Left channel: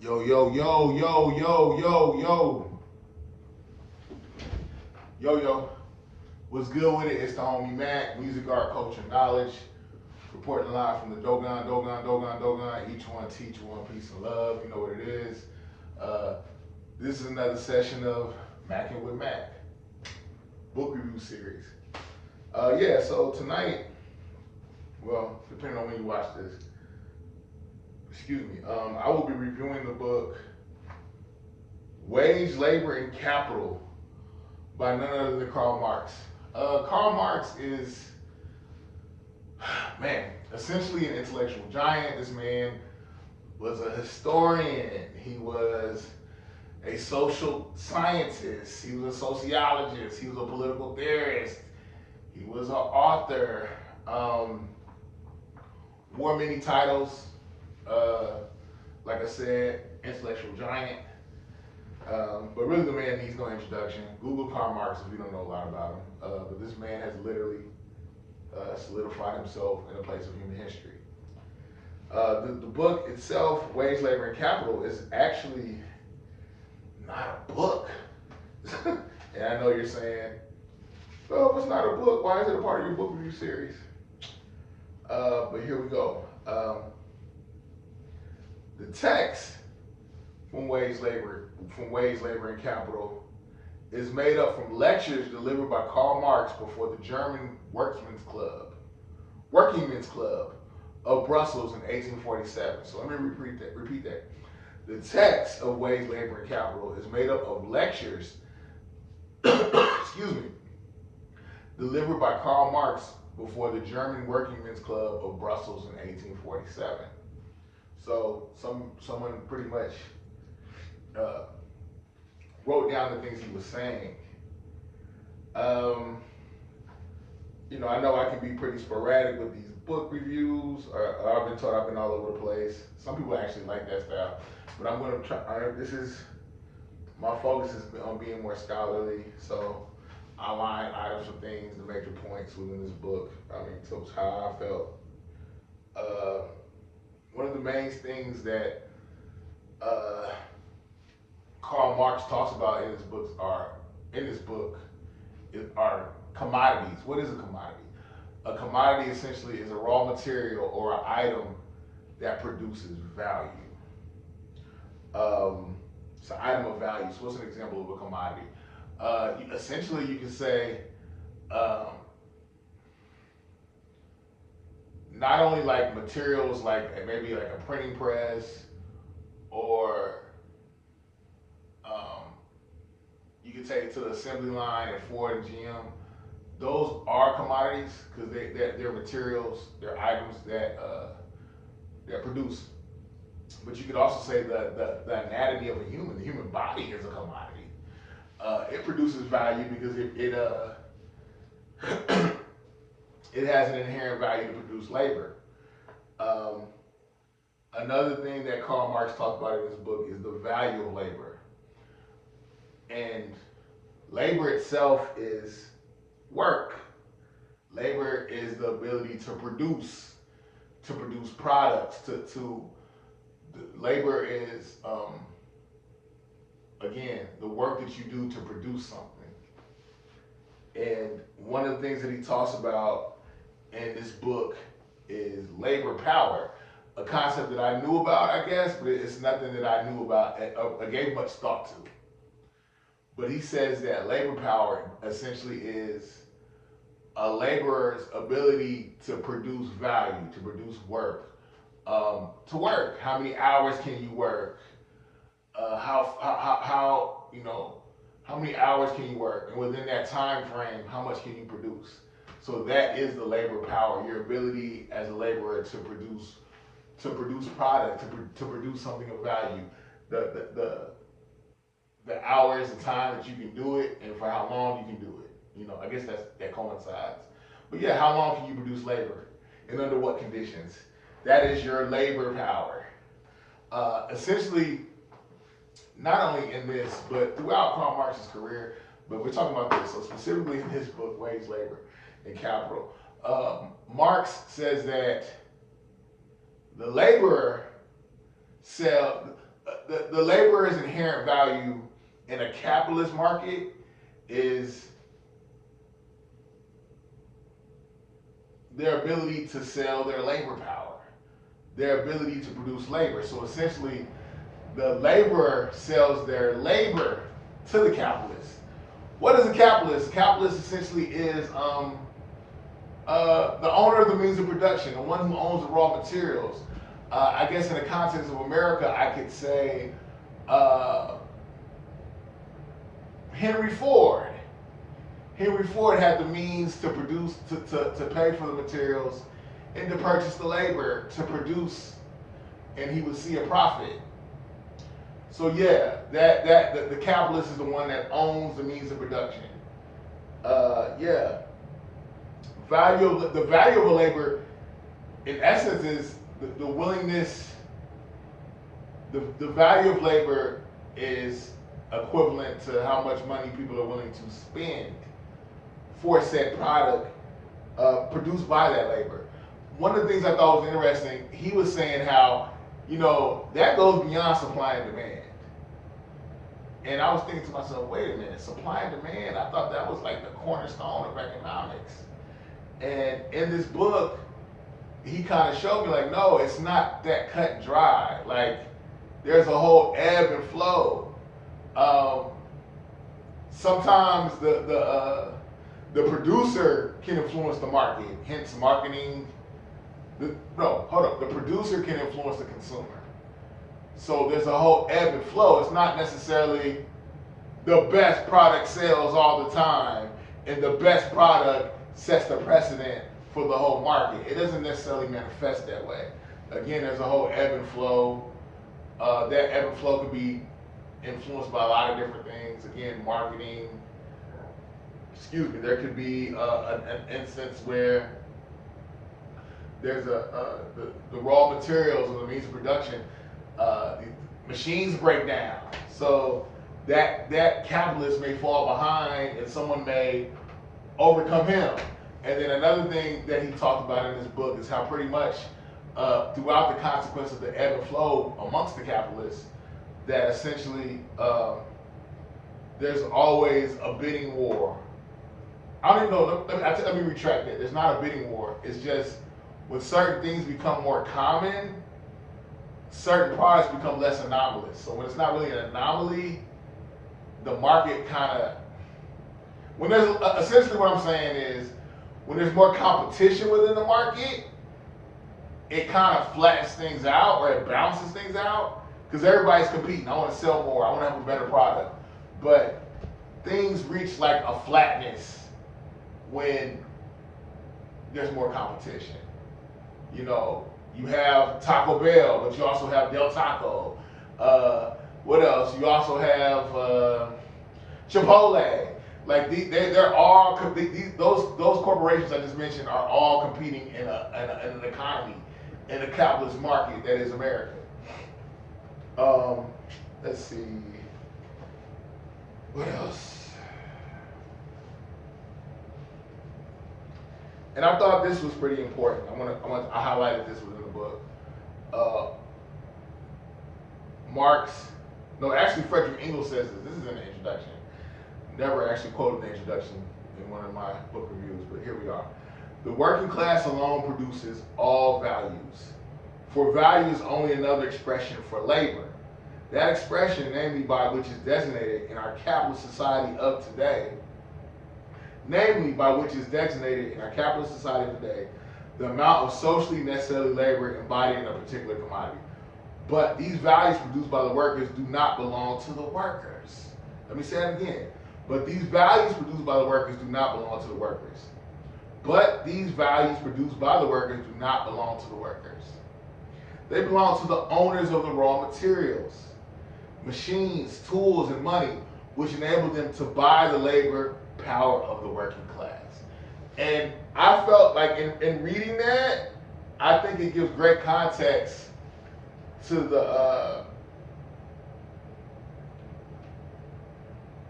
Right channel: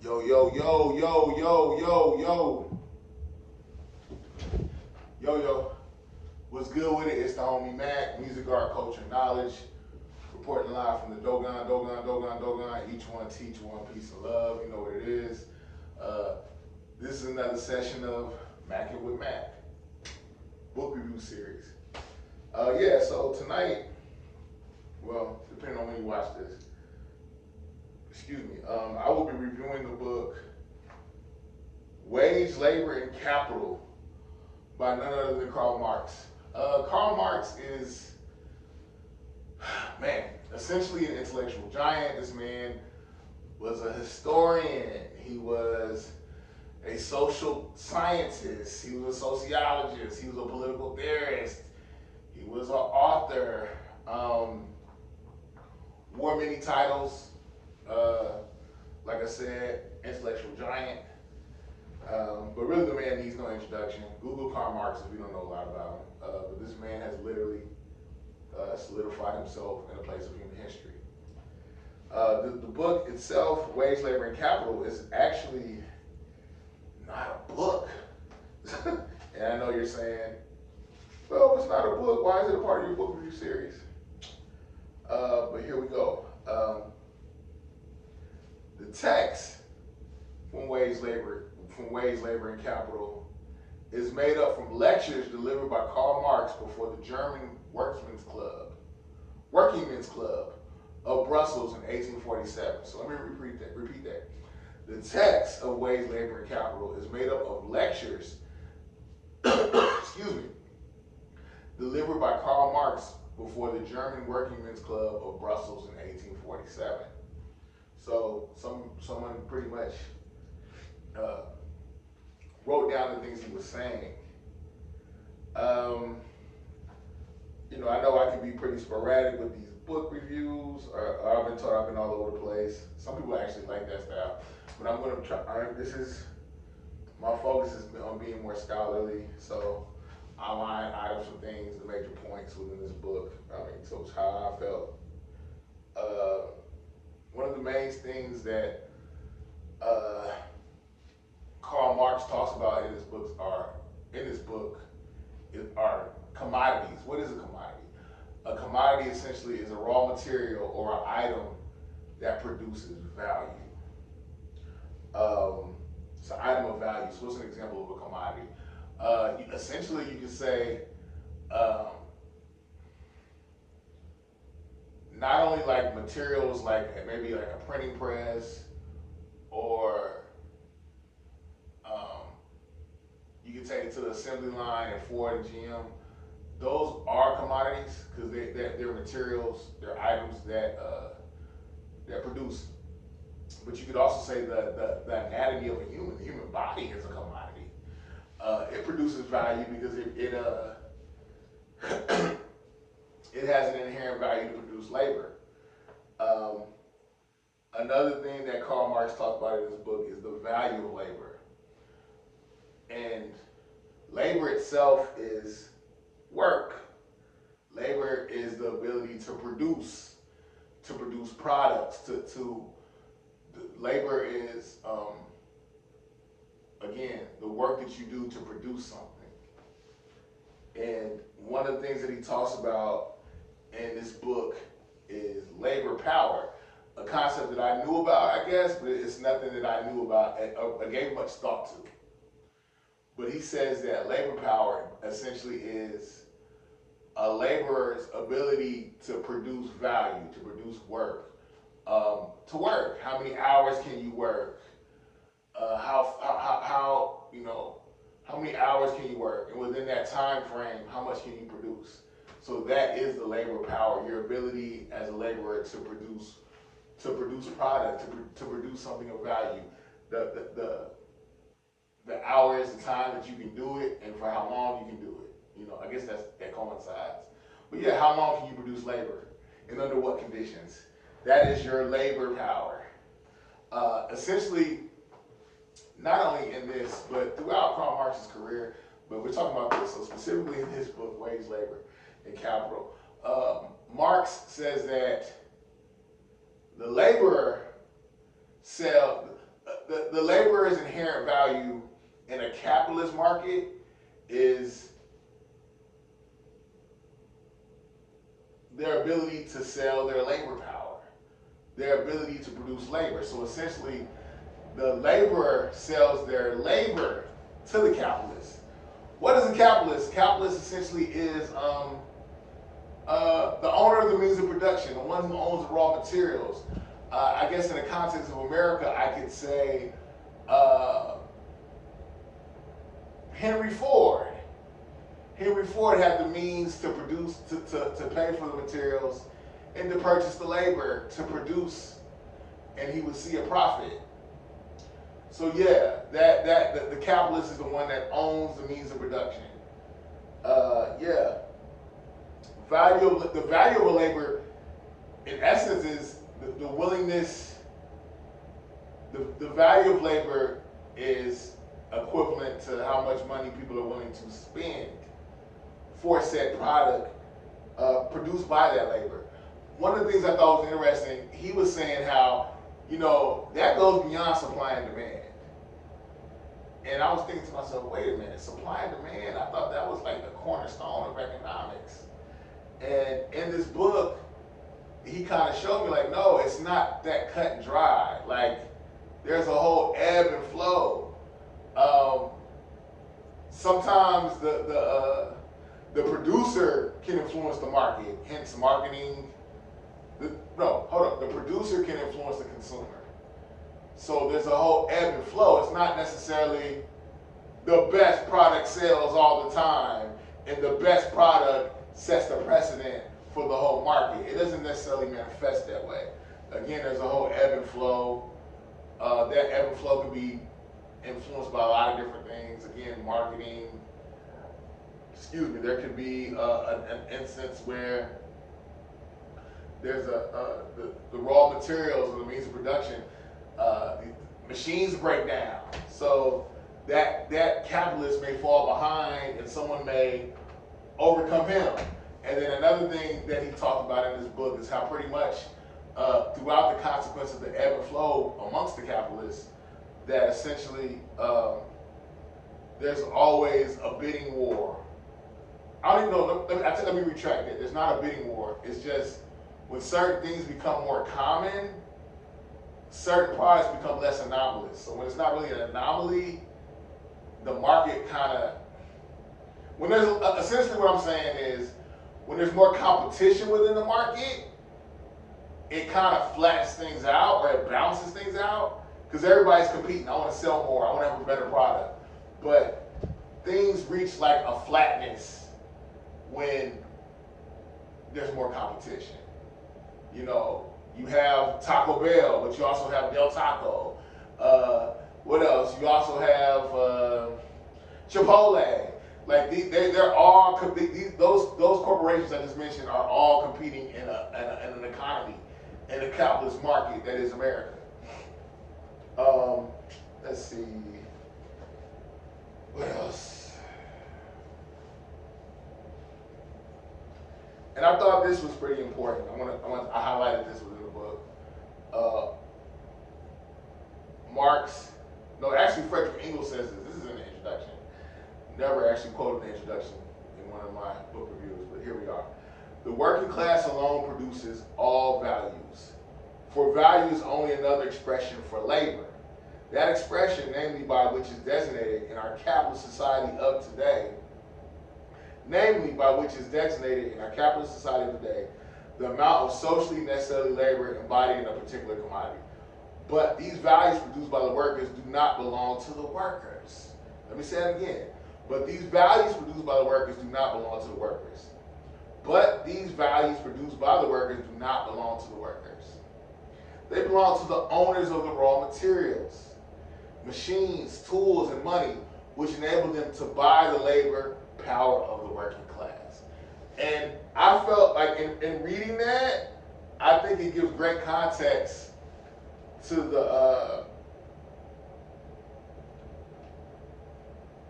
Yo, yo, yo, yo, yo, yo, yo, yo. What's good with it? It's the homie Mac, music, art, culture, knowledge. Reporting live from the Dogon. Each one teach one piece of love. You know what it is. Uh, this is another session of Mackin' with Mac, book review series. Yeah, so tonight, well, depending on when you watch this, excuse me, I will be reviewing the book Wage, Labor, and Capital by none other than Karl Marx. Karl Marx is, man, essentially an intellectual giant. This man was a historian. He was a social scientist. He was a sociologist. He was a political theorist. He was an author. Wore many titles. Uh, like I said, intellectual giant. But really, the man needs no introduction. Google Karl Marx if you don't know a lot about him. But this man has literally solidified himself in a place of human history. The book itself, Wage, Labor, and Capital, is actually not a book. And I know you're saying, well, if it's not a book, why is it a part of your book review series? But here we go. The text from Wage, Labor, and Capital is made up from lectures delivered by Karl Marx before the German Working Men's Club of Brussels in 1847. So let me repeat that. The text of Wage, Labor, and Capital is made up of lectures, excuse me, delivered by Karl Marx before the German Working Men's Club of Brussels in 1847. So someone pretty much wrote down the things he was saying. I know I can be pretty sporadic with these book reviews. I've been told I've been all over the place. Some people actually like that style, but I'm gonna try. My focus is on being more scholarly. So I line items of things, the major points within this book. So it's how I felt. Uh, One of the main things that Karl Marx talks about in his book are commodities. What is a commodity? A commodity essentially is a raw material or an item that produces value. It's an item of value. So what's an example of a commodity? Essentially, you can say not only like materials like maybe like a printing press or you can take it to the assembly line at Ford and GM. Those are commodities because they're materials, they're items that produce. But you could also say the anatomy of a human, the human body is a commodity. It produces value because it has an inherent value to produce labor. Um, Another thing that Karl Marx talked about in his book is the value of labor. And labor itself is work. Labor is the ability to produce products. Labor is again the work that you do to produce something. And one of the things that he talks about in this book is labor power, a concept that I knew about, I guess, but it's nothing that I knew about. I gave much thought to. But he says that labor power essentially is a laborer's ability to produce value, to produce work. To work, how many hours can you work? How many hours can you work, and within that time frame, how much can you produce? So that is the labor power, your ability as a laborer to produce product, to produce something of value. The, the the the hours, the time that you can do it, and for how long you can do it. I guess that coincides. But yeah, how long can you produce labor, and under what conditions? That is your labor power. Essentially, not only in this, but throughout Karl Marx's career, but we're talking about this. So specifically in his book, Wage, Labor, and Capital, Marx says that the laborer sell the laborer's inherent value in a capitalist market is their ability to sell their labor power, their ability to produce labor. So essentially, the laborer sells their labor to the capitalist. What is a capitalist? A capitalist essentially is the owner of the means of production, the one who owns the raw materials. I guess in the context of America, I could say Henry Ford. Henry Ford had the means to produce, to pay for the materials and to purchase the labor to produce, and he would see a profit. So yeah, the capitalist is the one that owns the means of production. Yeah, the value of a labor, in essence, is the willingness. The value of labor is equivalent to how much money people are willing to spend for said product produced by that labor. One of the things I thought was interesting, he was saying how, that goes beyond supply and demand. And I was thinking to myself, wait a minute, supply and demand, I thought that was like the cornerstone of economics. And in this book, he kind of showed me like, no, it's not that cut and dry. Like, there's a whole ebb and flow. Sometimes the producer can influence the market, hence marketing. The producer can influence the consumer. So there's a whole ebb and flow. It's not necessarily the best product sells all the time, and the best product sets the precedent for the whole market. It doesn't necessarily manifest that way. Again, there's a whole ebb and flow. That ebb and flow can be influenced by a lot of different things. Again, marketing. There could be an instance where there's the raw materials or the means of production. The machines break down, so that capitalist may fall behind, and someone may overcome him. And then another thing that he talked about in this book is how pretty much throughout the consequence of the ebb and flow amongst the capitalists, that essentially there's always a bidding war. I don't even know. Let me retract that. There's not a bidding war. It's just when certain things become more common, certain products become less anomalous. So when it's not really an anomaly, the market kind of, when there's essentially what I'm saying is, when there's more competition within the market, it kind of flattens things out, or it balances things out, because everybody's competing. I want to sell more. I want to have a better product. But things reach like a flatness when there's more competition. You have Taco Bell, but you also have Del Taco. What else? You also have Chipotle. Like they're all those corporations I just mentioned are all competing in an economy, in a capitalist market that is America. Let's see. What else? And I thought this was pretty important. I highlighted this within the book. Frederick Engels says this. This is in the introduction. Never actually quoted the introduction in one of my book reviews, but here we are. The working class alone produces all values. For value is only another expression for labor. That expression, namely by which is designated in our capitalist society of today, the amount of socially necessary labor embodied in a particular commodity. But these values produced by the workers do not belong to the workers. Let me say that again. But these values produced by the workers do not belong to the workers. They belong to the owners of the raw materials, machines, tools, and money, which enable them to buy the labor power of the working class. And I felt like in reading that, I think it gives great context to the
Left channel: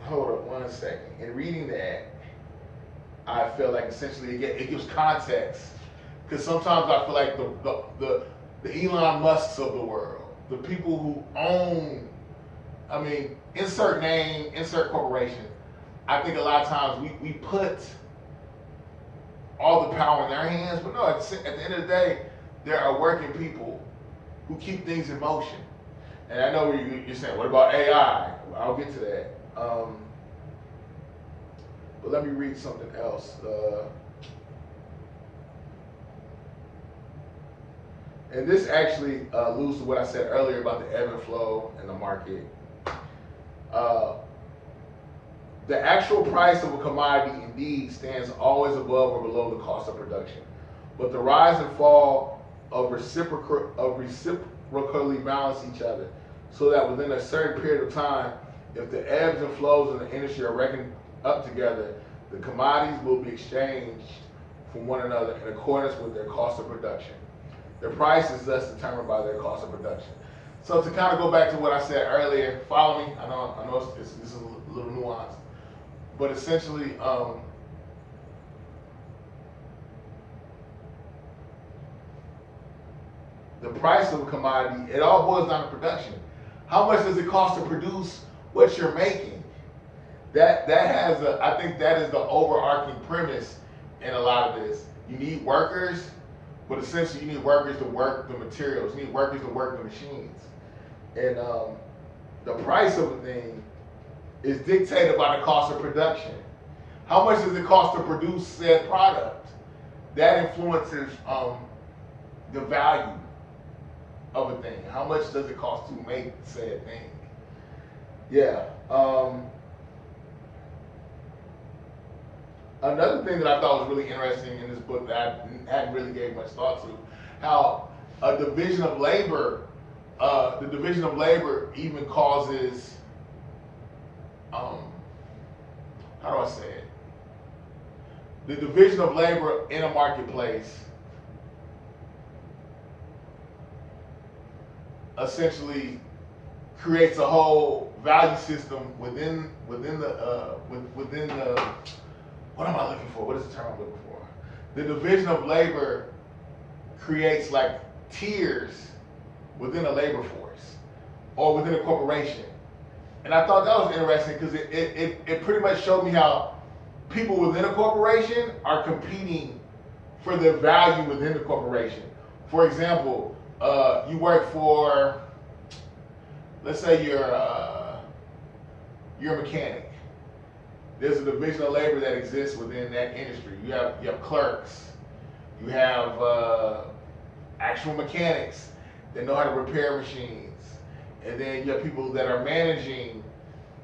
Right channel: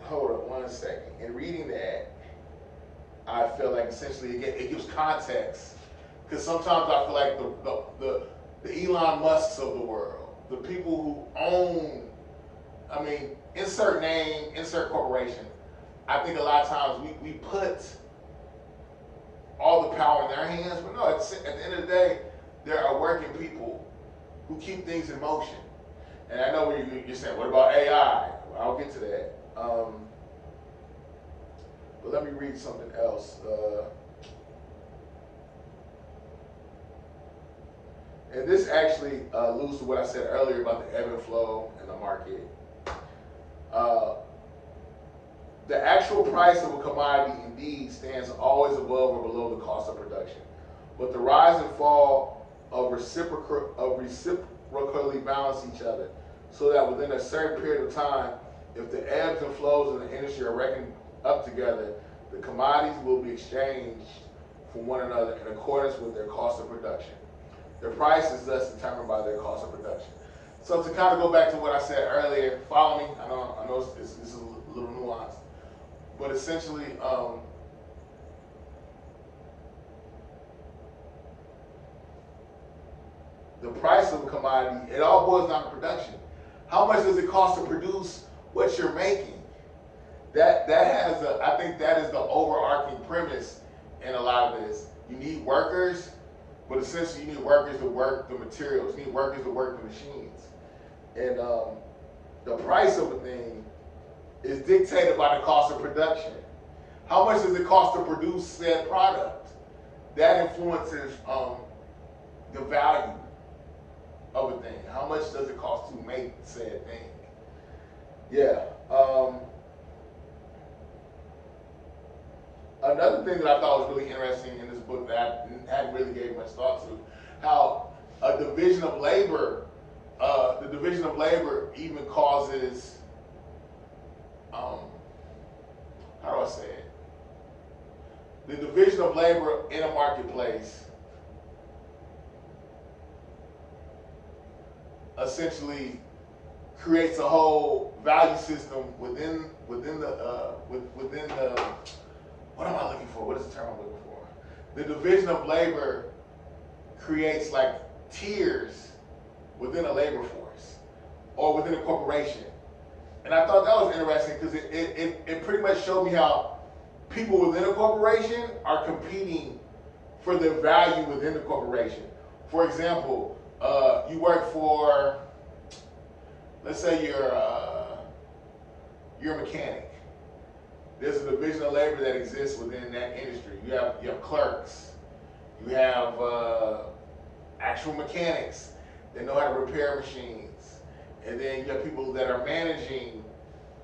hold up one second. In reading that, I feel like essentially it gives context, because sometimes I feel like the Elon Musks of the world, the people who own I mean, insert name, insert corporation. I think a lot of times we put all the power in their hands, but no, at the end of the day, there are working people who keep things in motion. And I know you're saying, what about AI? Well, I'll get to that. But let me read something else. And this actually alludes to what I said earlier about the ebb and flow in the market. The actual price of a commodity indeed stands always above or below the cost of production. But the rise and fall of reciprocally balance each other, so that within a certain period of time, if the ebbs and flows in the industry are reckoned up together, the commodities will be exchanged from one another in accordance with their cost of production. Their price is thus determined by their cost of production. So to kind of go back to what I said earlier, follow me. I know this is a little nuanced, but essentially, the price of a commodity, it all boils down to production. How much does it cost to produce what you're making? I think that is the overarching premise in a lot of this. You need workers, but essentially you need workers to work the materials. You need workers to work the machines. And the price of a thing is dictated by the cost of production. How much does it cost to produce said product? That influences the value of a thing. How much does it cost to make said thing? Yeah. Another thing that I thought was really interesting in this book that I hadn't really gave much thought to, how a division of labor, the division of labor even causes, how do I say it? The division of labor in a marketplace essentially creates a whole value system within the what am I looking for? What is the term I'm looking for? The division of labor creates like tiers within a labor force or within a corporation. And I thought that was interesting because it pretty much showed me how people within a corporation are competing for the value within the corporation. For example, you work for, let's say you're a mechanic. There's a division of labor that exists within that industry. You have clerks, you have actual mechanics that know how to repair machines, and then you have people that are managing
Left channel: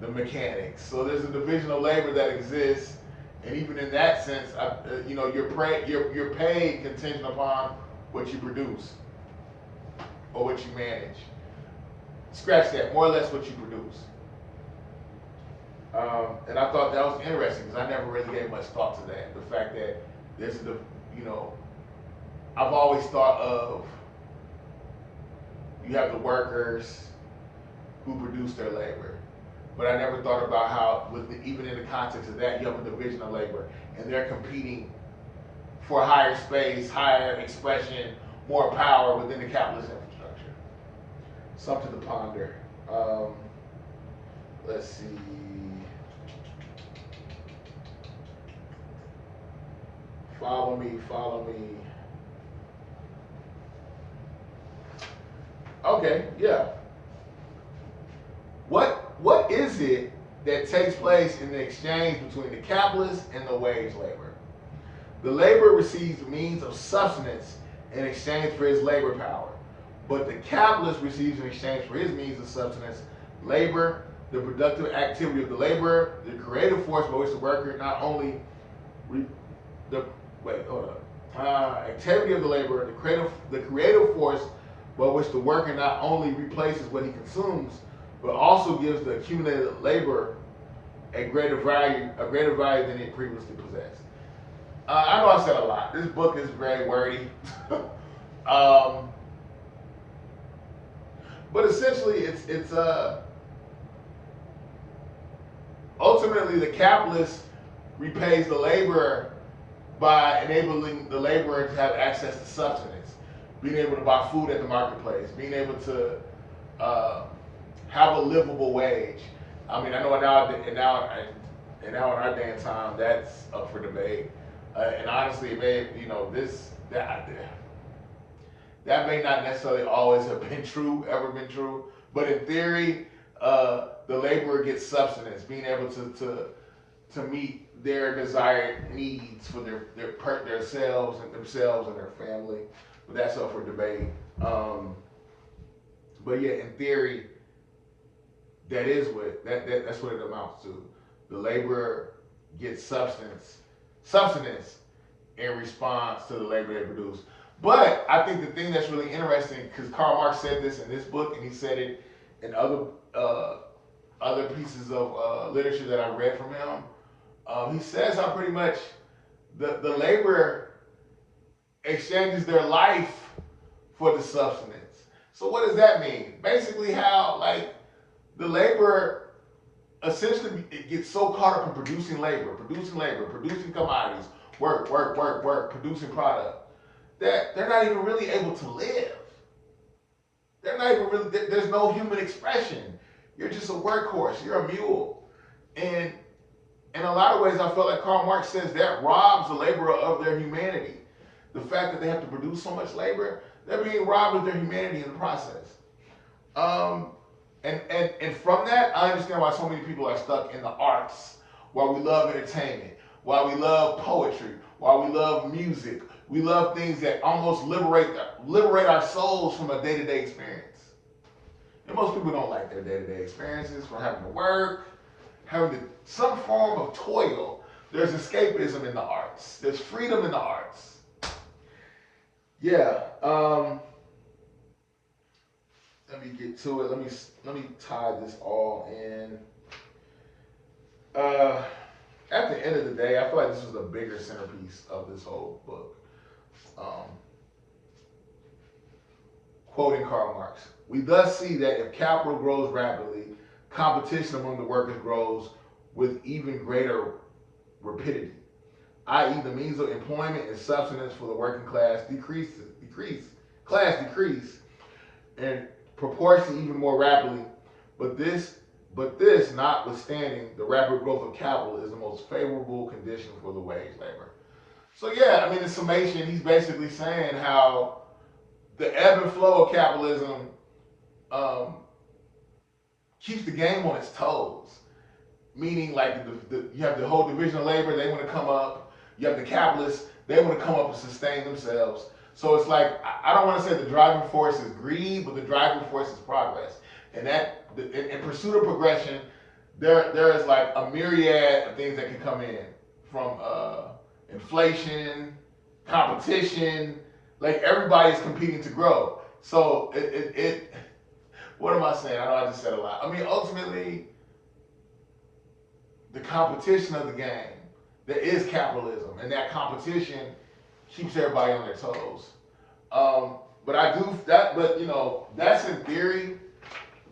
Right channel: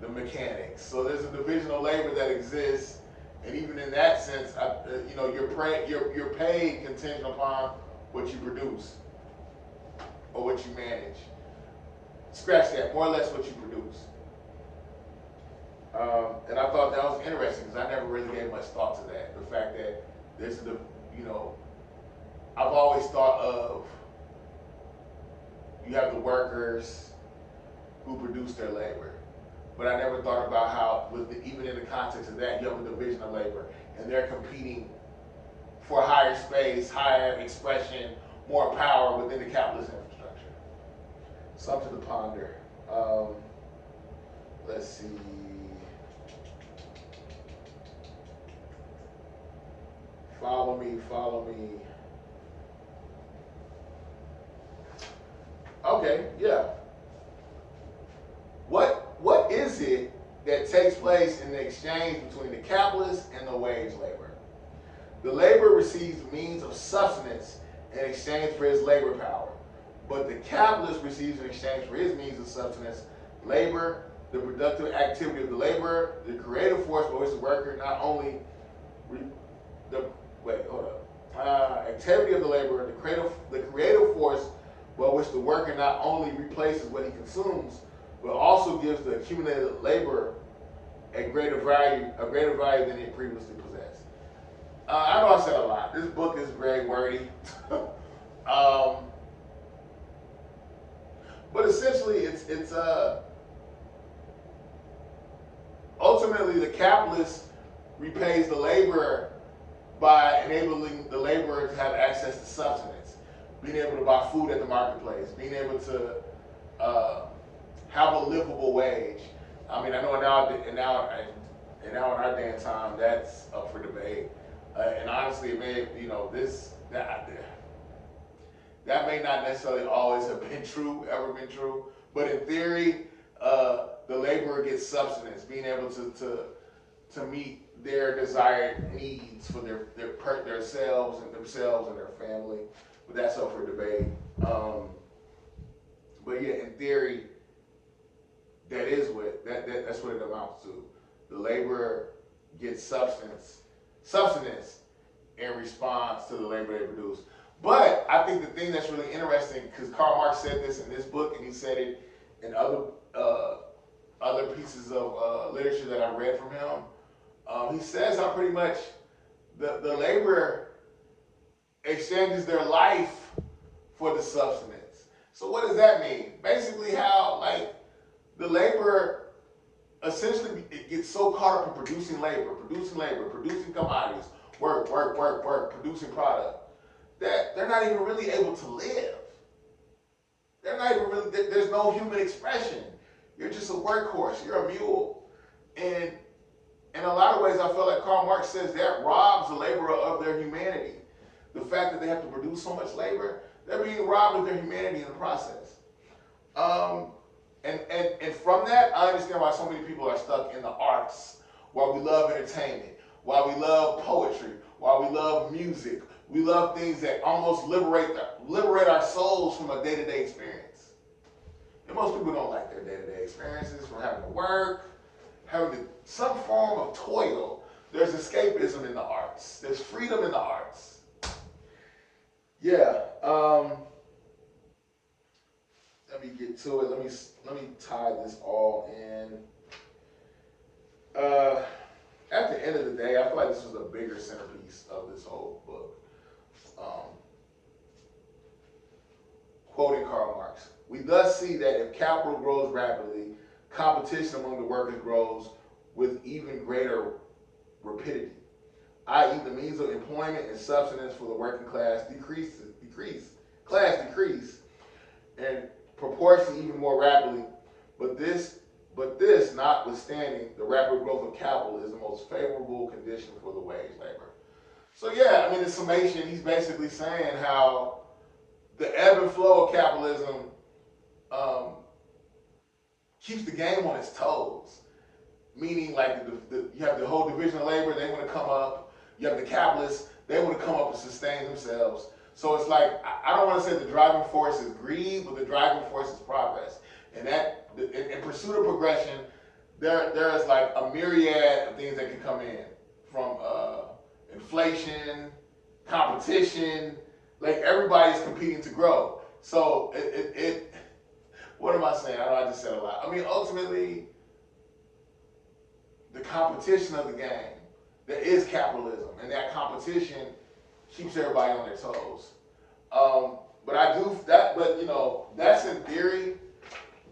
the mechanics. So there's a division of labor that exists, and even in that sense, you're paid contingent upon what you produce or what you manage. Scratch that, more or less what you produce. And I thought that was interesting because I never really gave much thought to that. The fact that there's I've always thought of, you have the workers who produce their labor, but I never thought about how, even in the context of that, you have a division of labor, and they're competing for higher space, higher expression, more power within the capitalist infrastructure. Something to ponder. Let's see. Follow me. Okay, yeah. What is it that takes place in the exchange between the capitalist and the wage labor? The laborer receives means of subsistence in exchange for his labor power, but the capitalist receives in exchange for his means of subsistence labor, the productive activity of the laborer, the creative force by which the worker not only activity of the laborer, the creative force by which the worker not only replaces what he consumes, but also gives the accumulated labor a greater value than it previously possessed. I know I said a lot. This book is very wordy. But essentially it's ultimately the capitalist repays the laborer by enabling the laborer to have access to subsistence, being able to buy food at the marketplace, being able to have a livable wage. I mean, I know now in our day and time, that's up for debate. And honestly, it may, that may not necessarily always have been true, ever been true. But in theory, the laborer gets subsistence, being able to meet their desired needs for themselves and their family. But that's up for debate. But yeah, in theory, that's what it amounts to. The laborer gets substance in response to the labor they produce. But I think the thing that's really interesting, because Karl Marx said this in this book, and he said it in other pieces of literature that I read from him. He says how pretty much the laborer exchanges their life for the substance. So what does that mean? Basically, how like the laborer essentially gets so caught up in producing producing commodities, work, producing product, that they're not even really able to live. They're not even really, there's no human expression. You're just a workhorse, you're a mule. And in a lot of ways, I feel like Karl Marx says that robs the laborer of their humanity. The fact that they have to produce so much labor, they're being robbed of their humanity in the process. And from that, I understand why so many people are stuck in the arts, why we love entertainment, why we love poetry, why we love music. We love things that almost liberate our souls from a day-to-day experience. And most people don't like their day-to-day experiences, from having to work, some form of toil. There's escapism in the arts. There's freedom in the arts. Yeah. Let me get to it. Let me tie this all in. At the end of the day, I feel like this was the bigger centerpiece of this whole book. Quoting Karl Marx, we thus see that if capital grows rapidly, competition among the workers grows with even greater rapidity, i.e. the means of employment and subsistence for the working class decrease, and proportion even more rapidly. But this, notwithstanding, the rapid growth of capital is the most favorable condition for the wage labor. So yeah, I mean, in summation, he's basically saying how the ebb and flow of capitalism keeps the game on its toes. Meaning, like, you have the whole division of labor, they want to come up. You have the capitalists, they want to come up and sustain themselves. So it's like, I don't want to say the driving force is greed, but the driving force is progress. And that, in pursuit of progression, there is like a myriad of things that can come in, from inflation, competition. Like, everybody's competing to grow. So what am I saying? I know I just said a lot. I mean, ultimately, the competition of the game, there is capitalism, and that competition keeps everybody on their toes. But that's in theory.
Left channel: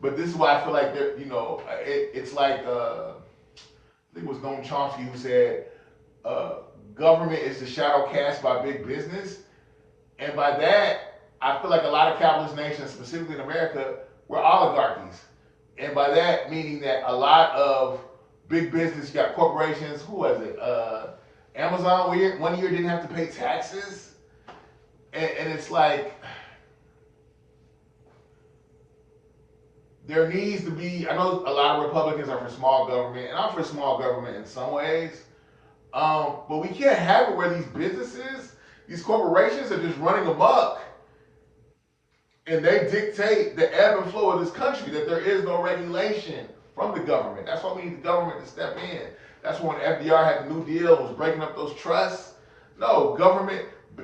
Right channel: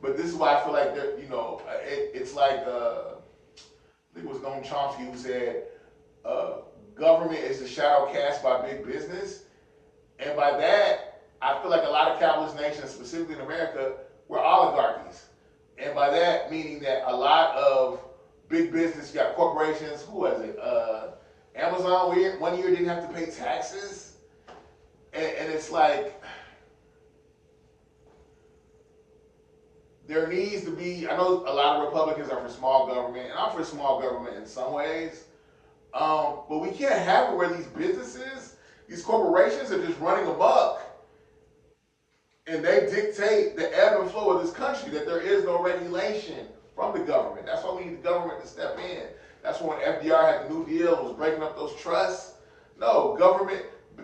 But this is why I feel like it's like I think it was Noam Chomsky who said, government is the shadow cast by big business. And by that, I feel like a lot of capitalist nations, specifically in America, were oligarchies. And by that, meaning that a lot of big business, you got corporations, who was it? Amazon, one year didn't have to pay taxes. And it's like, there needs to be, I know a lot of Republicans are for small government, and I'm for small government in some ways. But we can't have it where these corporations are just running amok, and they dictate the ebb and flow of this country, that there is no regulation from the government. That's why we need the government to step in. That's when FDR had the New Deal, was breaking up those trusts. No,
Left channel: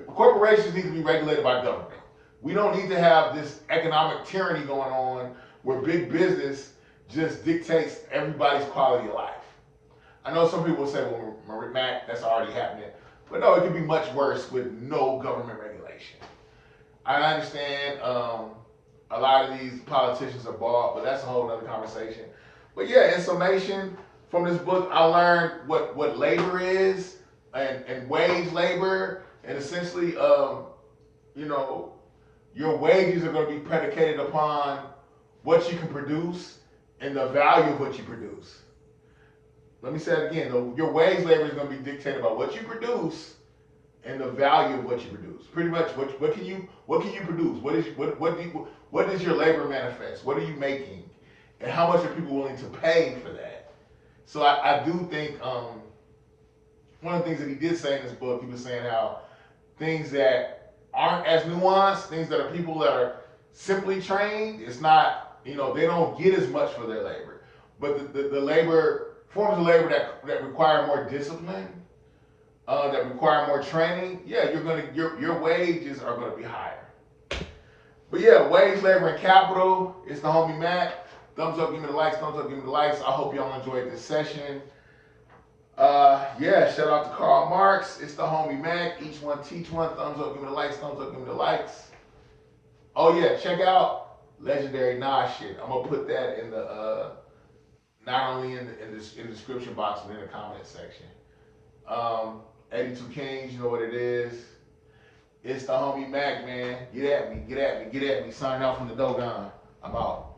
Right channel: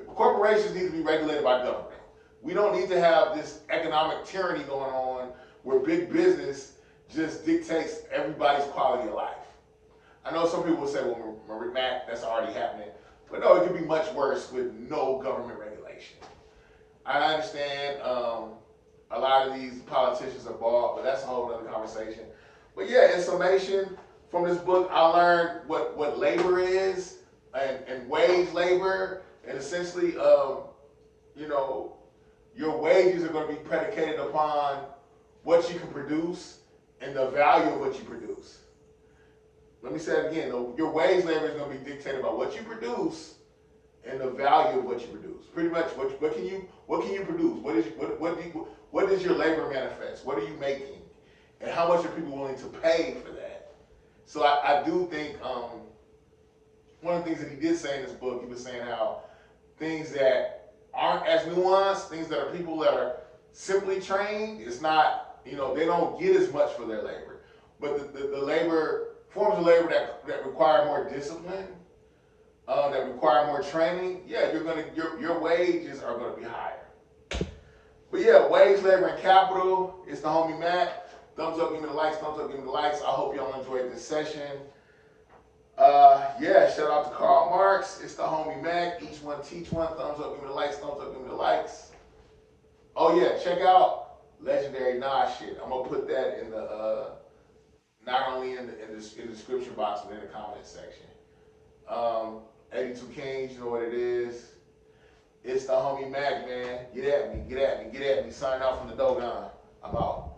corporations need to be regulated by government. We don't need to have this economic tyranny going on where big business just dictates everybody's quality of life. I know some people will say, well, Matt, that's already happening. But no, it could be much worse with no government regulation. I understand a lot of these politicians are bought, but that's a whole other conversation. But yeah, in summation, from this book, I learned what labor is and wage labor. And essentially, your wages are going to be predicated upon what you can produce and the value of what you produce. Let me say it again. Your wage labor is going to be dictated by what you produce and the value of what you produce. Pretty much, what can you produce? What does your labor manifest? What are you making, and how much are people willing to pay for that? So I do think one of the things that he did say in this book, he was saying how things that aren't as nuanced, things that are people that are simply trained, it's not, they don't get as much for their labor. But the labor, forms of labor that require more discipline, that require more training, yeah, your wages are gonna be higher. But yeah, wage, labor, and capital, it's the homie Mac. Thumbs up, give me the likes, thumbs up, give me the likes. I hope y'all enjoyed this session. Yeah, shout out to Karl Marx. It's the homie Mac. Each one teach one. Thumbs up, give me the likes. Thumbs up, give me the likes. Oh yeah, check out Legendary Nas shit. I'm gonna put that in the not only in the description box but in the comment section. 82 Kings, you know what it is. It's the homie Mac, man. Get at me. Sign out from the Dogon. I'm out.